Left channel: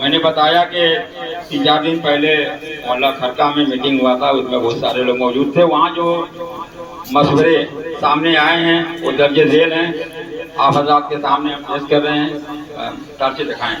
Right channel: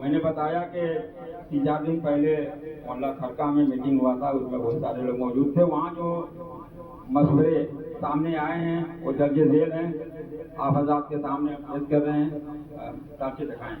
मैंने बताया कि 3-4 दिन पहले मोहल्ला खरका में मीटिंग हुआ था, उसमें बहुत सारे लोग मौजूद थे। वहाँ जो मशवरे सामने आए हैं वो दर्ज झेल हैं, आप हज़रात के सामने हम पेश कर रहे हैं। टार्चे दिखाएं।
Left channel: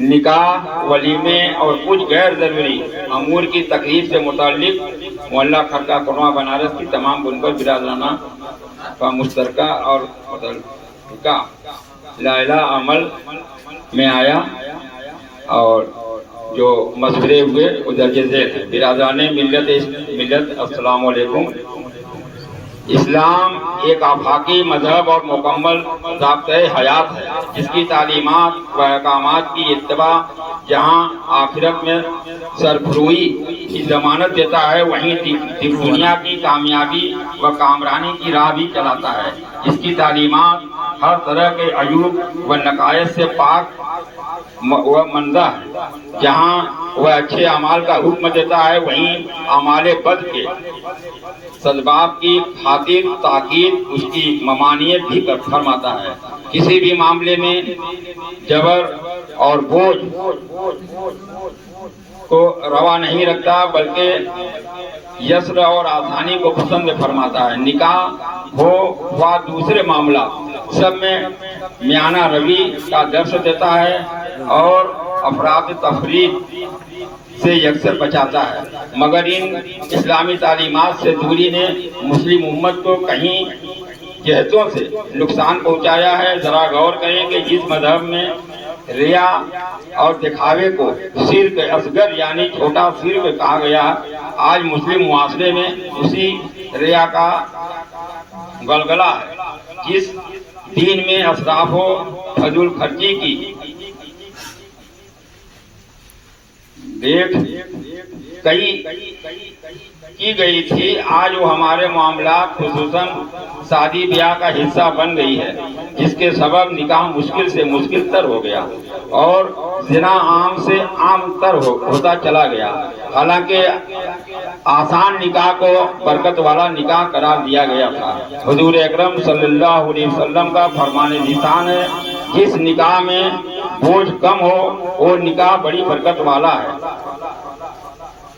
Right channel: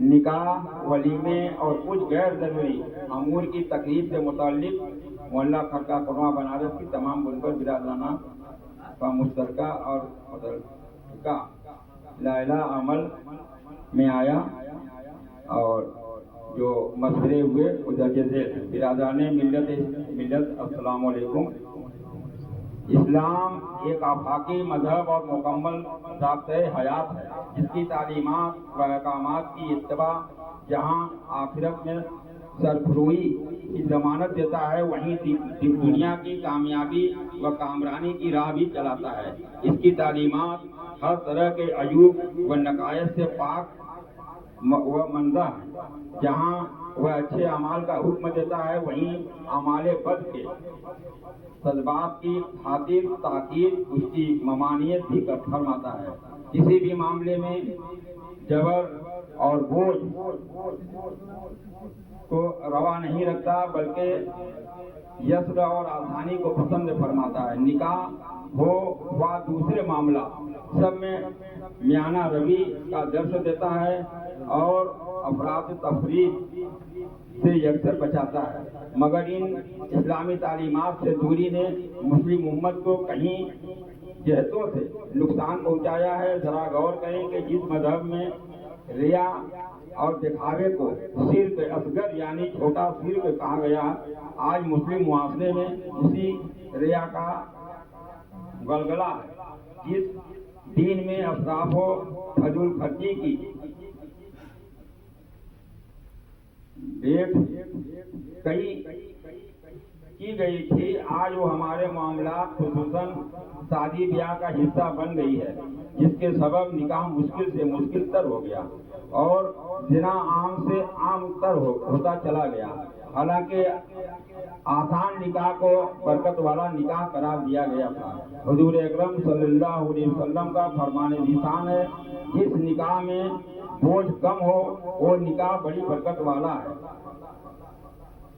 निकाह, वलीमे और कुछ गैर जरूरी अमूर की तकलीफ से मुताल्लिक मोहल्ला खरका कोटवा बनारस की तमाम बुनकर बिरादराना का मुश्तरका और मुतल्लिका लाइला अमल में आया और जो मशवरे हुए वो दर्ज झेल हैं। बिरादराने मिल्लत अस्सलाम वालेकुम। इस्लाम एक आफाकी मजहब और मुकम्मल ज़ाब्ते हयात है, जिसकी तालीमात व अहकामात की इत्तबा जहाँ आखिरत में सरफरोई की जमानत देता है, वहीं दुनिया की कामयाबी व कामरानी की राह भी चलाता है। इसकी तालीमात हर तरह के अयूब व नकायस से पाक व मंदा है। जहाँ वह अच्छे अमाल का हुक्म देता है, वहीं अमाले बद के सदबाब की खातिर ताकीद उसकी ममानियत भी फरमाता है। किसी भी मामले में जबर और बोझ को रवा नहीं रखता, बल्कि यस्र और आसानी को पसंद फरमाता है। निकाह हो व दूसरे मामला सब में मियाना रवि का दर्श देता है और अफराद तफरीद से यकसर बचाता है। मगर इन इस्लामी तालीमात से दूरी ने मुस्लिम उम्मत को कहीं जहतों से नुकसान पहुंचाया है। जरा गौर करें कि जिस मजहब में रिया और दिखावे को शिर्क असगर यानी छोटा शिर्क कहा गया, आज मुस्लिम मुआशरे में उसी रिया का गलगला है। जिस दीन में असराफो फजूल खर्ची की देख कई की गई थी, आज वो हमारे मामला खुसूसन शादी ब्याह का हिस्सा बन गई है, जिसके सबब निकाह मुश्किल से मुश्किल तर हो गया और जिना आम से आम तर होता चला गया। हालांकि आसान निकाह को बरकत वाला निकाह करार दिया गया था। हुजूर अकरम सल्लल्लाहु अलैहि वसल्लम का फरमाने निशान है, जिस निकाह में बोझ कम हो वो निकाह बड़ी बरकत वाला है।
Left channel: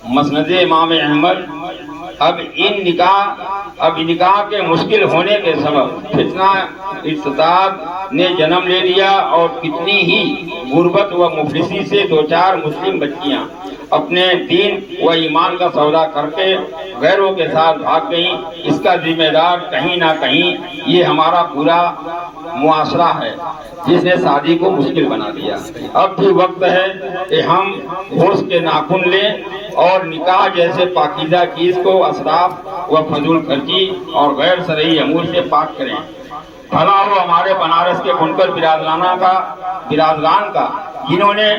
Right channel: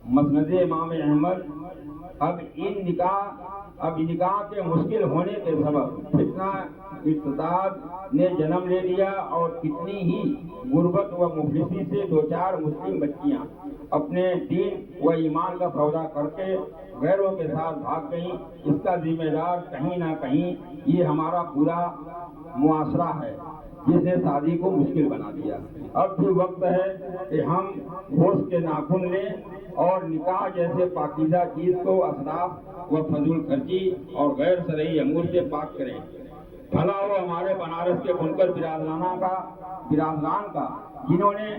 मसनद इमाम अहमद। अब निकाह के मुश्किल होने के सबब फितना इस्ताद ने जन्म ले लिया और कितनी ही गुर्बत व मुफलिसी से 2-4 मुस्लिम बच्चियां अपने दीन व ईमान का सौदा करके गैरों के साथ भाग गईं। इसका जिम्मेदार कहीं ना कहीं ये हमारा पूरा मुआशरा है, जिसने शादी को मुश्किल बना दिया। अब भी वक्त है कि हम होश के नाखून लें और निकाह जैसे पाकीज़ा चीज को असराफ व फजूल खर्ची और गैर शरई अमूर से पाक करें। भला हो हमारे बनारस के बुनकर बिरादरान का जिन्होंने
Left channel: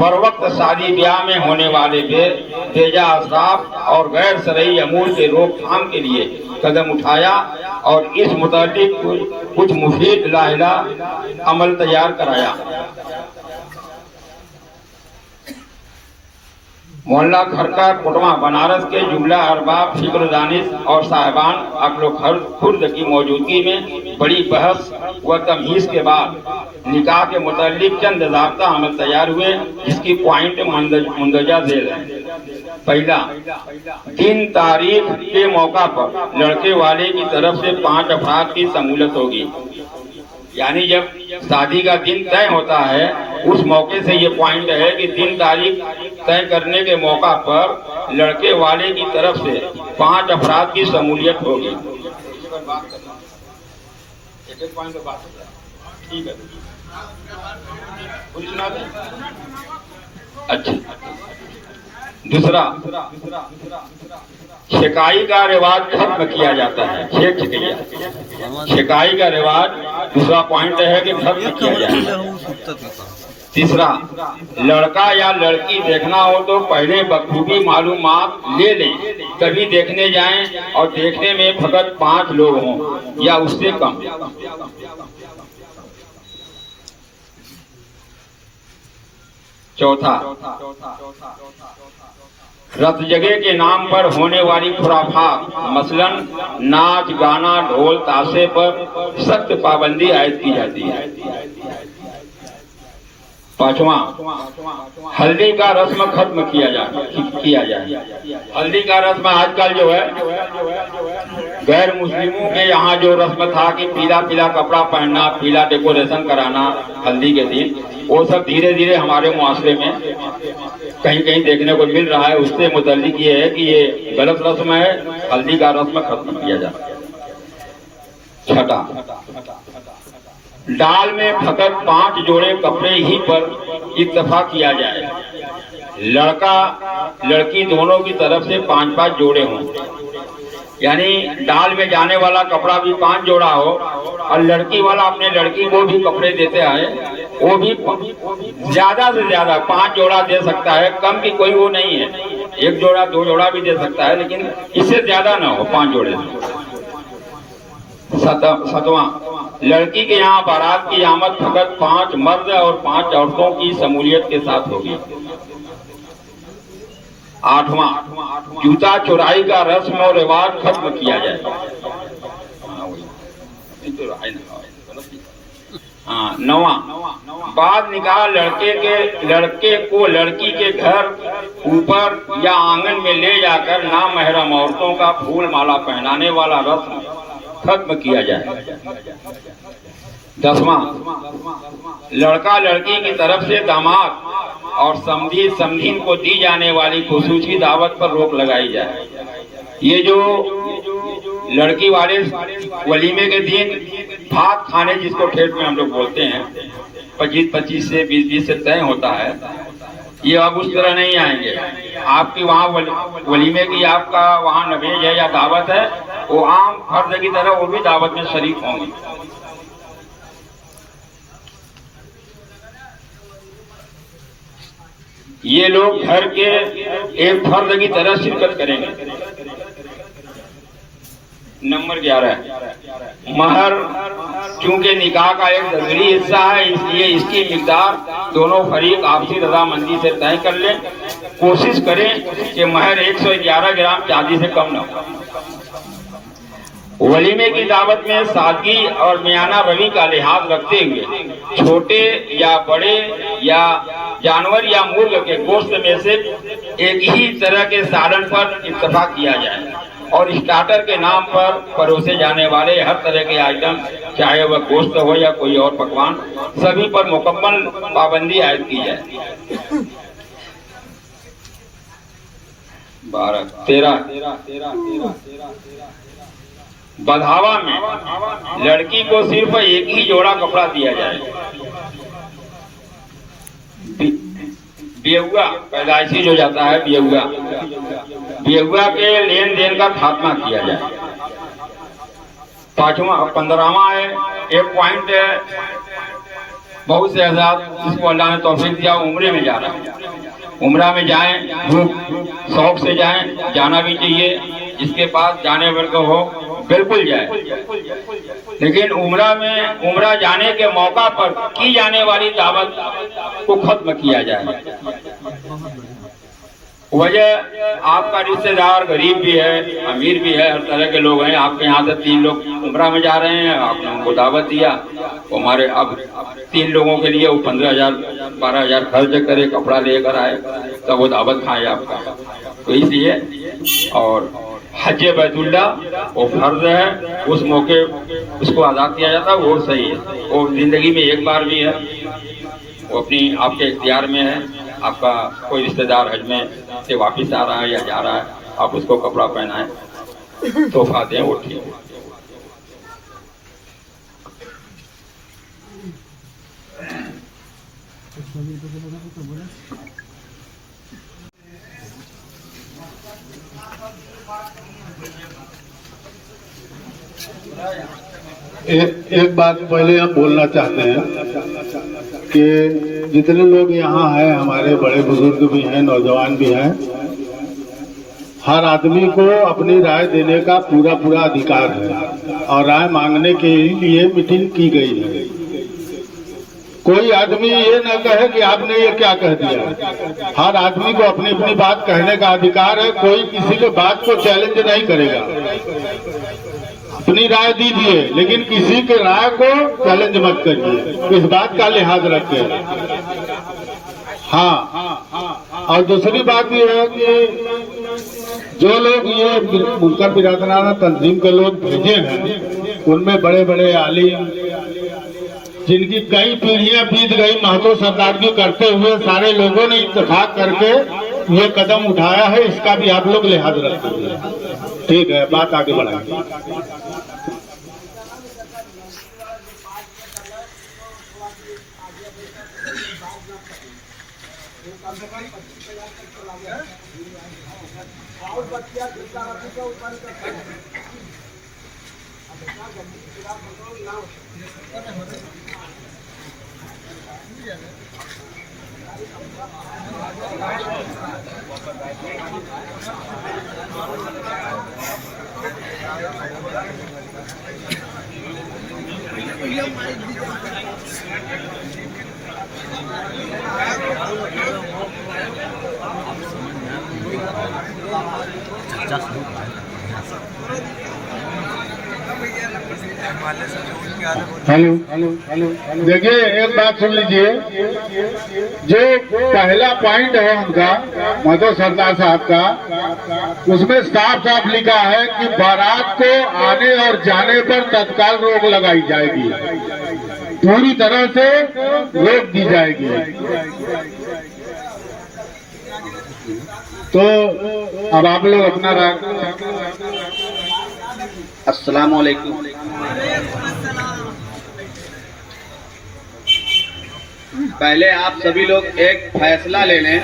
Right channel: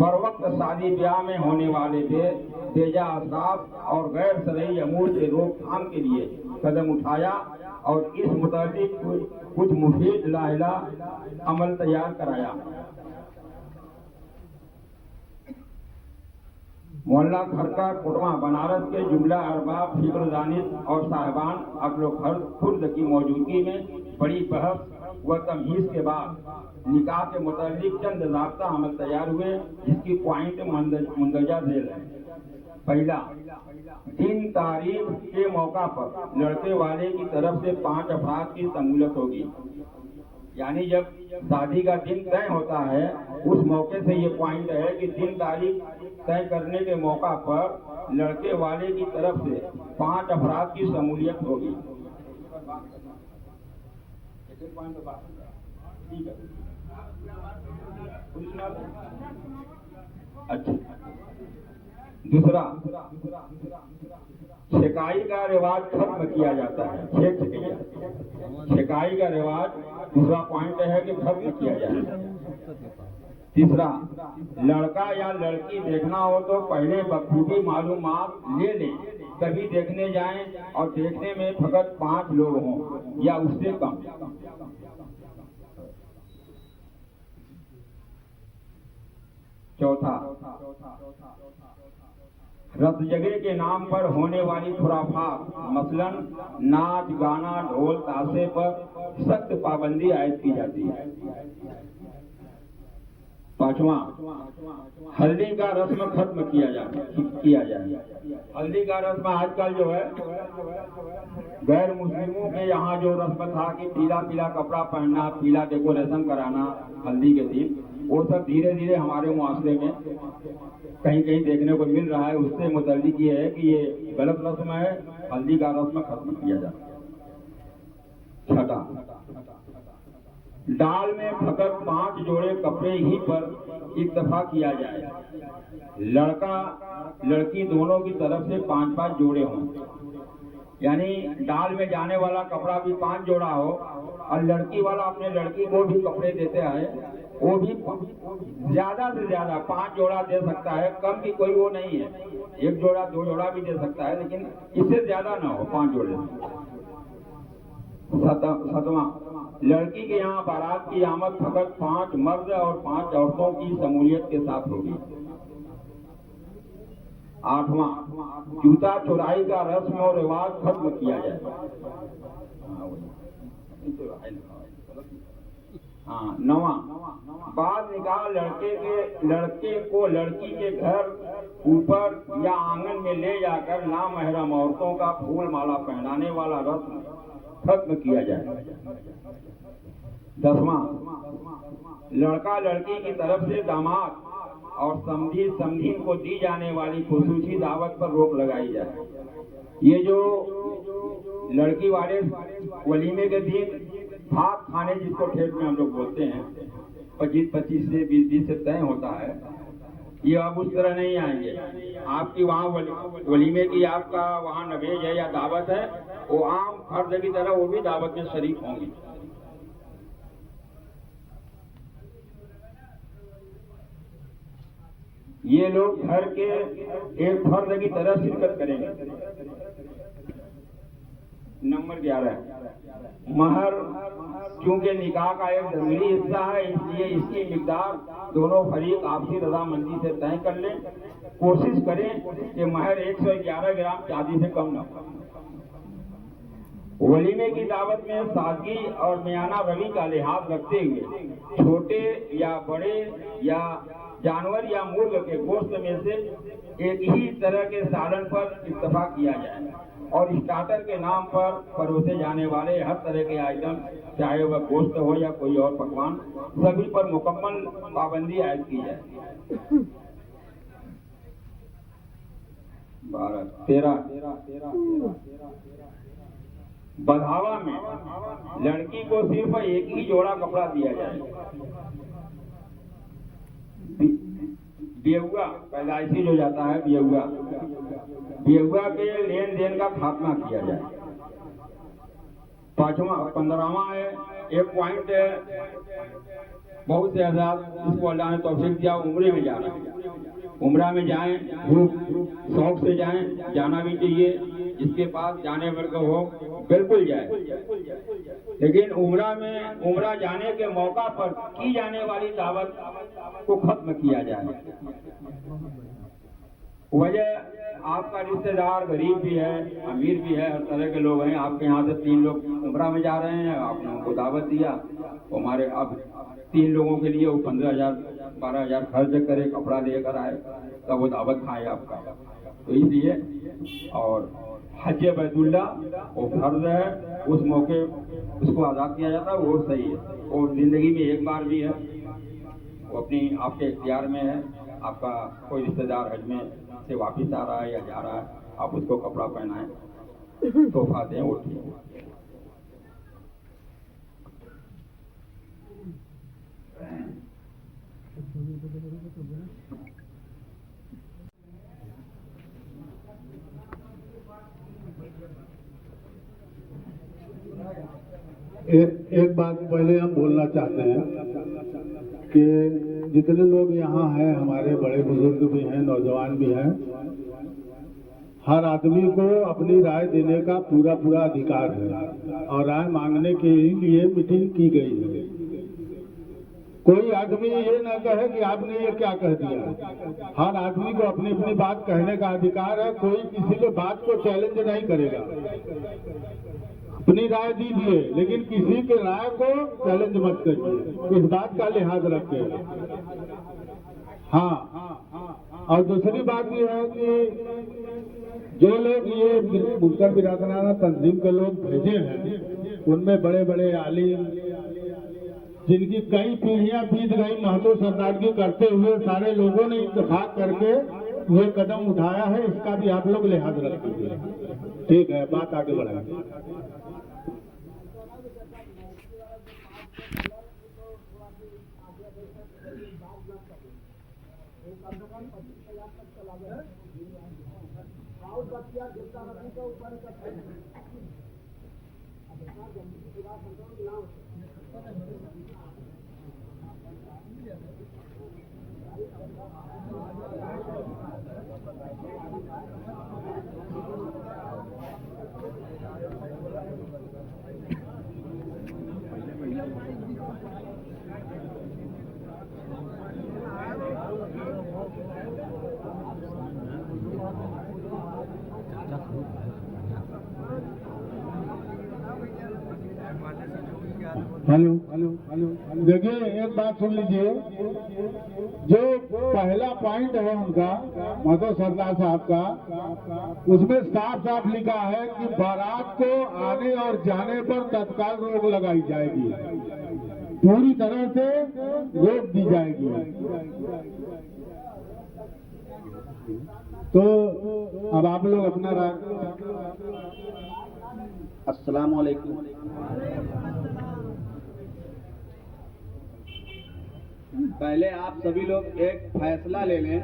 बर वक्त शादी ब्याह में होने वाले बेजा असराफ और गैर शरई अमूर के रोकथाम के लिए कदम उठाया और इस मुताबिक कुछ मुफीद लाइला अमल तैयार कराया। मोहल्ला खरका कोटवा बनारस के जुमला अरबाब फिक्र दानिश और साहिबान अक्ल खुर्द की मौजूदगी में बड़ी बहस व तमहीज के बाद निकाह के मुतालिक चंद ज़ाब्ता अमल तैयार हुए, जिसकी पॉइंट मुंदरजा झेल है। पहला, दिन तारीख के मौका पर लड़के वाले की तरफ से 5 अफराद की शमूलियत होगी। यानी जब शादी का दिन तय होता है, उस मौके से ये पॉइंट है कि दिन तारीख तय करने के मौका पर लड़के वाले की तरफ से 5 अफराद की शमूलियत होगी। ठीक है, अच्छा। दूसरा, शिकाई का रिवाज खत्म किया जाता है। शिकाई का रिवाज दूसरा पॉइंट है कि खत्म किया जाता है। तीसरा, लड़का या लड़की देखना हो तो पहले बखूबी मालूमात ले लें। कभी देखने जाएं और देखने में फकत 5 लोग हों या उससे कम। चौथा, रथ जगह के नाम पर होने वाली खुराफात, मसलन नाच गाना ढोल ताशे पर सख्त पाबंदी आयद की जाती है। पांचवा, हल्दी का रस्म खत्म किया जाए। हल्दी का रस्म आजकल जो है गैर मुस्लिमों के यहाँ जो रस्म था कि पीला पीला कपड़ा पहनना, पीला डेकोरेशन कराना हल्दी के दिन, वो सब धीरे धीरे हमारे मुआशरे में कहीं कहीं देखने को मिल रहा है। उससे मुतल्लिक ये है कि ये गलत रस्म है, हल्दी का रस्म खत्म किया जाए। छठा, डाल में फकत 5 जोड़े कपड़े ही पर इत्तफाक किया जाए। लड़का लड़की दोनों की तरफ से 5-5 जोड़े हों, यानी डाल में जाने वाला कपड़ा भी 5 जोड़ा हो और लड़की वाला अपने लड़की को भी कपड़े देते हैं, वो भी ज्यादा से ज्यादा 5 जोड़ा दे सकता है। कम की कोई वो नहीं है, 1 जोड़ा 2 जोड़ा भी दे सकता है, लेकिन इससे ज्यादा ना हो, 5 जोड़े। सतवां, लड़की के यहाँ बारात की आमद फकत 5 मर्द और 5 औरतों की शमूलियत के साथ होगी। आठवां, जूता चुराई का रस्म और रिवाज खत्म किया जाए। नवा, बाद निकाह लड़के को लड़की के घर ऊपर या आंगन में ले जाकर नामहरम औरतों का फूल माला पहनाने वाला रस्म खत्म किया जाए। 10वां, लड़का लड़की की तरफ से दामाद और समधीन को दी जाने वाली खुसूसी दावत पर रोक लगाई जाए। ये जो लड़की वाले वलीमे के दिन भात खाने, जिसको ठेठ में हम लोग बोलते हैं, 25 से 20 से तय होता है, ये अब उस तरह नहीं आएंगे। आपकी वहाँ वलीमे की आपका वहाँ नवेज है या दावत है, वो आम फर्ज की तरह वो भी दावत में शरीक होंगे। ये लोग घर के एक फर्ज की तरह शिरकत करेंगे। नंबर 11, महर चूंकि निकाह का एक जरूरी हिस्सा है, इसलिए इसकी मिकदार दोनों फरीक आपसी रजामंदी से तय कर लें। कोशिश करें कि महर 111 ग्राम चांदी से कम न हो। वलीमे की दावत में सादगी और मियाना रवी का लिहाज रखते हुए छोटे या बड़े या जानवर या मुर्ग के गोश्त में से एक ही तरह के सालन पर इत्तफाक किया जाए और स्टार्टर के नाम पर परोसे जाने वाले हर तरह के आइटम, चाहे वह गोश्त हो या कोई और पकवान, सभी पर मुकम्मल पाबंदी आयद की जाए। 13 बधावा में लड़की को सिर्फ एक ही जोड़ा कपड़ा दिया जाए। बेहुआ पैदाइशी जो जाता है, बेहुआ के लेन देन का खात्मा किया जाए। 15वां है, एक पॉइंट है, बहुत से आजाद जिसको अल्लाह ने तौफीक दिया उम्रे में जाना है, उम्रा में जाएं, भूख शौक से जाएं, जाना भी चाहिए। जिसके पास जाने वर्ग हो बिल्कुल जाए, लेकिन उम्रा जाने के मौका पर की जाने वाली दावत को खत्म किया जाए। वजह आपका रिश्तेदार गरीब भी है, अमीर भी है, हर तरह के लोग हैं। आपके यहाँ से 3 लोग उम्रा में जा रहे हैं, आपने उनको दावत दिया, हमारे अब 3 लोगों के लिए वो 15,000-12,000 खर्च करे, कपड़ा लेकर आए, तब वो दावत खाए आपका। तो इसलिए और हज बैतुल्ला वो फर्ज है, उस मौके उसको अदा किया जाता है, वो सही है। वो जिंदगी में एक बार भी है, वो अपनी आपके इख्तियार में है। आपका कोई रिश्तेदार हज में से वापस आ रहा है या जा रहा है, आप उसको कपड़ा पहनाएं, तोहफा दें, वो ठीक है। एक बात पहले हम बोलना चाहते हैं कि जितने लोग यहाँ हैं, हमारे बड़े बुजुर्ग भी हैं, नौजवान भी हैं, हर आदमी को अपनी राय देने का पूरा अधिकार है और राय मांगने के लिए मीटिंग की गई है। कोई आदमी ये न कहे कि आपने ये क्या कह दिया। हर आदमी को अपनी अपनी बात कहने का अधिकार है, कोई किसी के बात को चैलेंज नहीं करेगा। अपनी राय दीजिए, लेकिन किसी के राय को चैलेंज मत करिए, इस बात का लिहाज रखिए। हाँ, और दूसरी बात ये है कि जो लोग ये मुनकर बिरादराना तंजीम के लोग भेजे हैं, उनमें बड़े बड़े आलिम जिनकी कई पीढ़ियां बीत गई महतो सरदारगी करते हुए, सारे लोगों ने इत्तेफाक करके ये कदम उठाया है, इसका भी आप लोग लिहाज रखेंगे। ठीक है, बात आगे बढ़ाएंगे। हेलो, देखिए एक बात सुन लीजिए। जो पहला पॉइंट है उनका, महतो सरदार साहब का, उसमें साफ साफ लिखा है कि बारात को आने और जाने पर तत्काल रोक लगाई जाएगी, पूरी तरह से रोक दी जाएगी। तो अब आप लोग अपना राय। अस्सलाम वालेकुम। पहले आप सभी लोग एक फैसला ले लें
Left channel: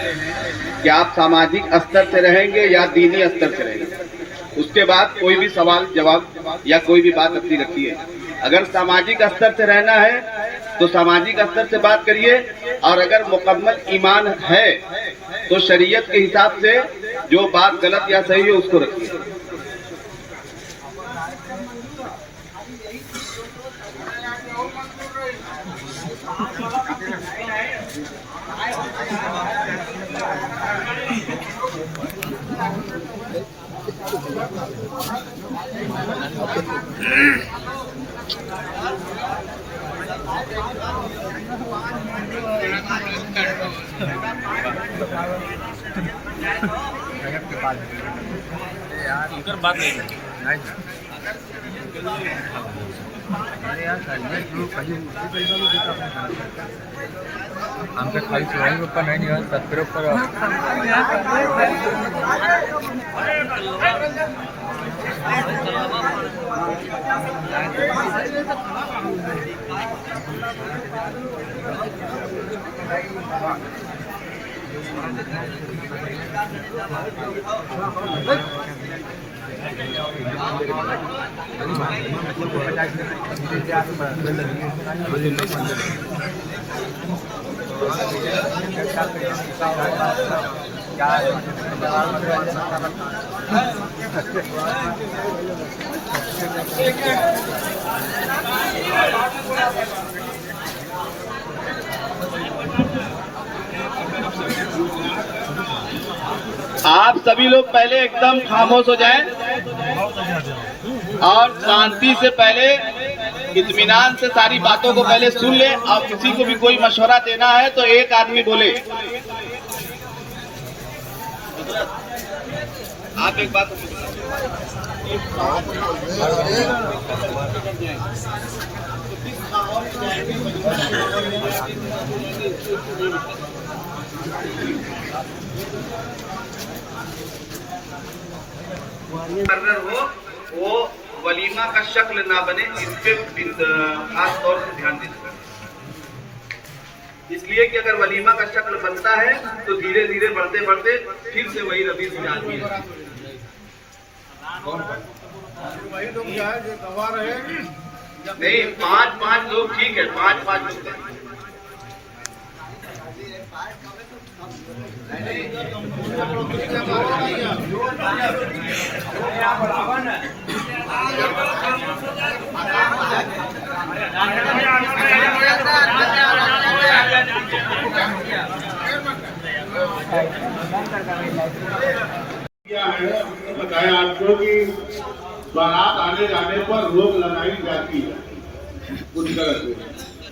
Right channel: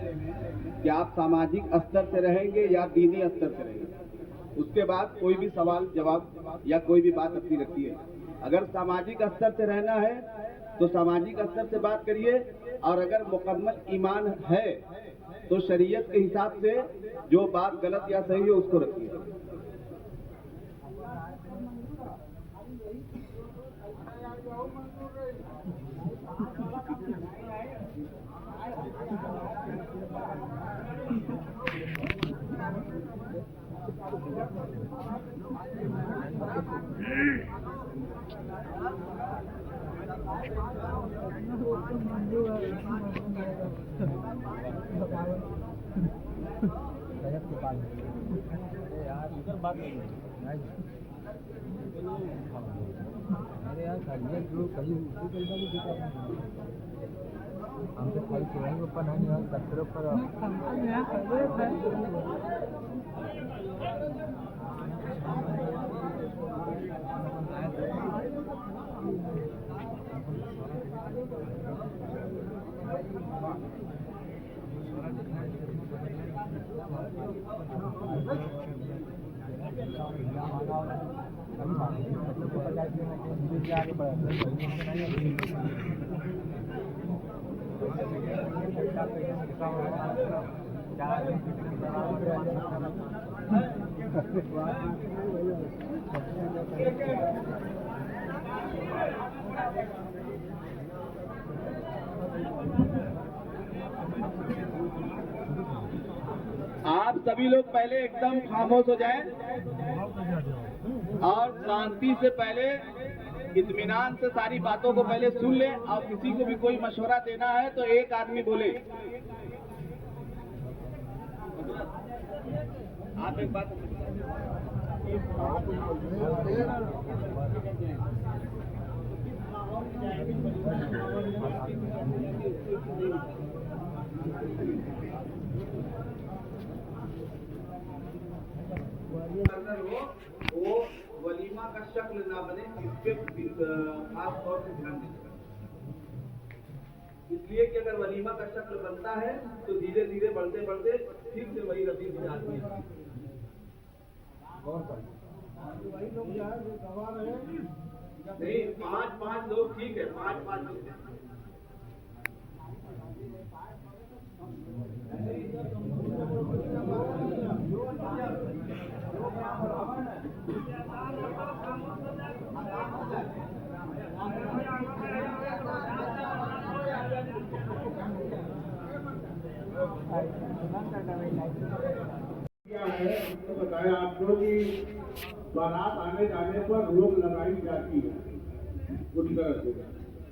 कि आप सामाजिक स्तर से रहेंगे या दीनी स्तर से रहेंगे। उसके बाद कोई भी सवाल जवाब या कोई भी बात अपनी रखिए। अगर सामाजिक स्तर से रहना है तो सामाजिक स्तर से बात करिए, और अगर मुकम्मल ईमान है तो शरीयत के हिसाब से जो बात गलत या सही है उसको रखिए। बात नहीं अरे यार आमच्या खाली शिवाजी बाप्पा नाही निघाल सत्तर आप सभी लोग पहले एकदम खामोश हो जाएं और शांति से पहले इत्मीनान से सारी बातों को पहले सुन ले। और किसी को भी कोई मशवरा देना है तो एक आदमी बोले। आप एक बात हो, वो वलीमा का शक्ल ना बने, इस पे खास तौर से ध्यान देना। इसलिए कि अगर वलीमा का शक्ल बनता है तो धीरे धीरे बढ़ते बढ़ते फिर से वही रबी से आदमी वही लोग जो गवा रहे नहीं, 5-5 लोग ठीक है, 5-5 लोग क्या है बताया आपको कि बारात आने जाने पर रोक लगाई जाती है पूरी तरह से।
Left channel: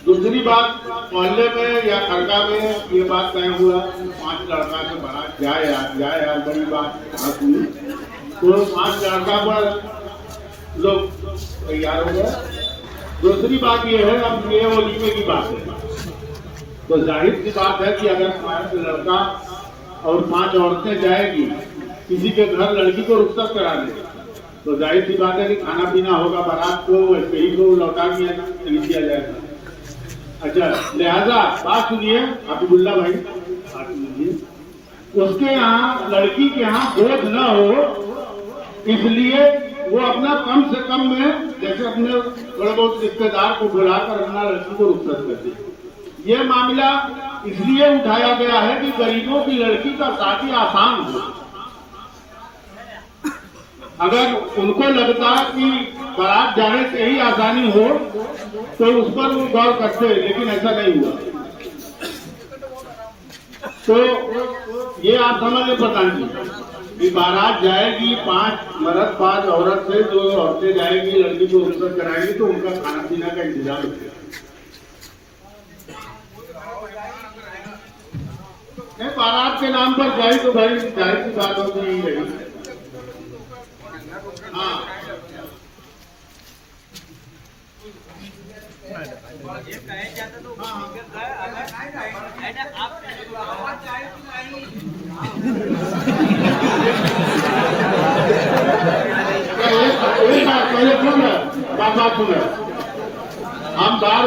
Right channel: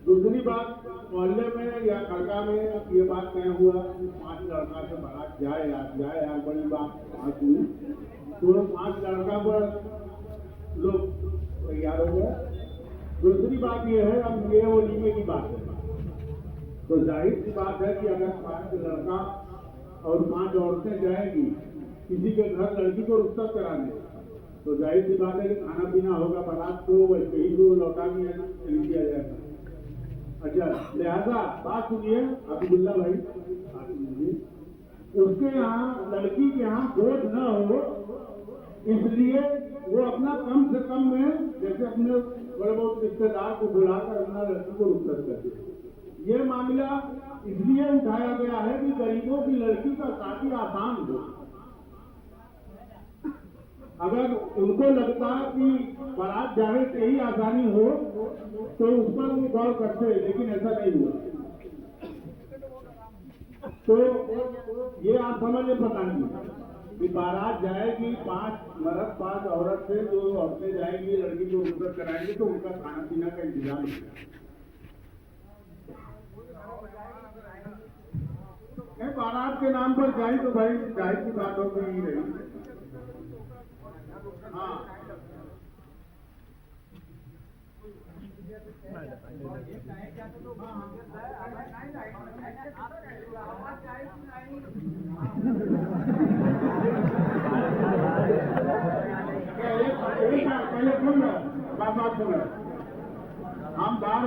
दूसरी बात, मोहल्ले में या खड़का में ये बात तय हुआ 5 लड़का से बारात जाए यार बड़ी बात हुई, तो 5 लड़का पर लोग तैयार हो गए। दूसरी बात ये है, अब ये वलीमे की बात है, तो जाहिर सी बात है कि अगर 5 लड़का और 5 औरतें जाएगी किसी के घर लड़की को रुखसत कराने, तो जाहिर सी बात है कि खाना पीना होगा, बारात को वैसे ही को लौटा दिया जाएगा। अच्छा, लिहाजा बात सुनिए हबीबुल्ला भाई, बात सुनिए, उसके यहाँ लड़की के यहाँ बोझ न हो, इसलिए वो अपना कम से कम में जैसे अपने थोड़े बहुत रिश्तेदार को बुलाकर अपना लड़की को रुखसत करते। ये मामला इसलिए उठाया गया है कि गरीबों की लड़की का शादी आसान हो। अगर उनको लगता कि बारात जाने से ही आसानी हो तो उस पर वो गौर करते, लेकिन ऐसा नहीं हुआ। तो ये आप समझ लें प्रधान जी कि बारात जाएगी 5 मर्द 5 औरत से, 2 औरतें जाएगी लड़की को रुखसत कराएंगी, तो उनका खाना पीना का इंतजाम है। बारात के नाम पर जाए तो भाई जाहिर सी बात होती ही रही। हाँ, पहले सुन बात सुन, हम बार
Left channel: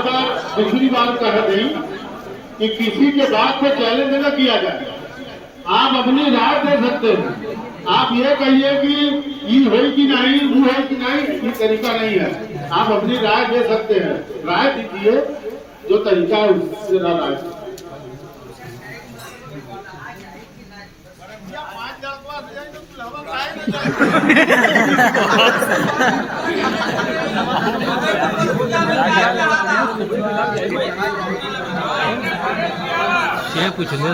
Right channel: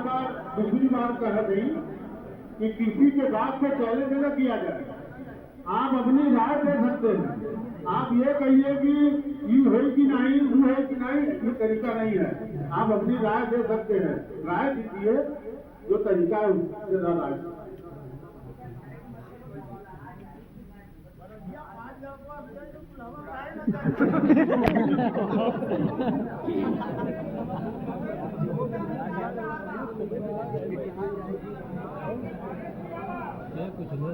दूसरी बात कह दें कि किसी के बात को चैलेंज न किया जाए। आप अपनी राय दे सकते हो, आप ये कहिए कि ये है कि नहीं, वो है कि नहीं, ये तरीका नहीं है। आप अपनी राय दे सकते हैं, राय दीजिए जो तरीका है उससे राय। क्या पूछ रहे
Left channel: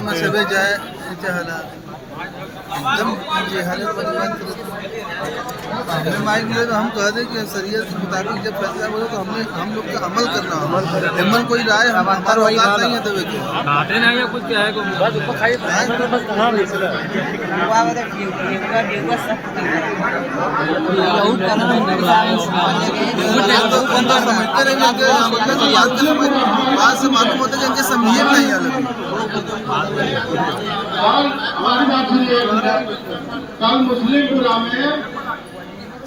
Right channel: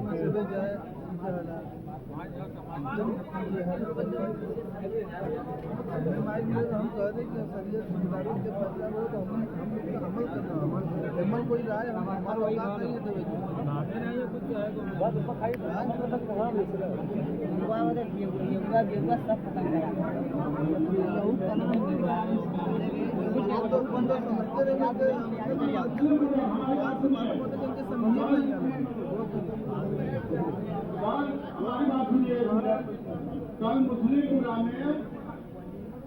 में सबे जाए एकदम हमने माइक मिले तो हम कह दें कि शरीयत के मुताबिक जब फैसला बोले तो हम लोग का अमल करना है। हिम्मत कोई राय हमारा औकात नहीं है तो कुछ क्या बात से मालूम होता है कि इनके समझिए नहीं अलग। और हमारी बात सुनिए, कल मुस्लिमपुरा में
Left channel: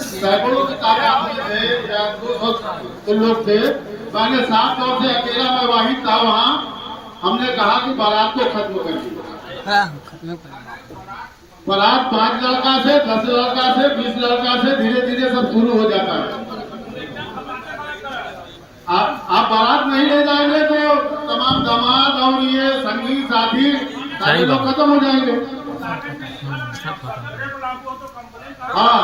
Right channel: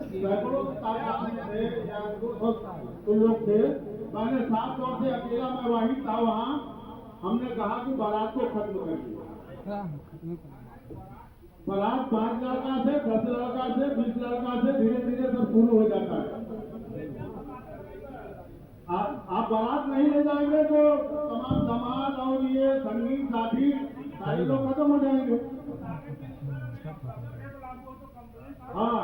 सैकड़ों के तादाद में थे या 200 लोग थे, मैंने साफ तौर से अकेला मैं वाहिद था वहाँ। हमने कहा कि बारात को खत्म कर दिया। बारात 5 लड़का से 10 लड़का से 20 लड़का से धीरे धीरे सब शुरू हो जाता है। आप बारात नहीं ले जाएंगे तो तमाम दामाद और ये संगीत साथी सारे लोग खत्म हो जाएंगे। हाँ,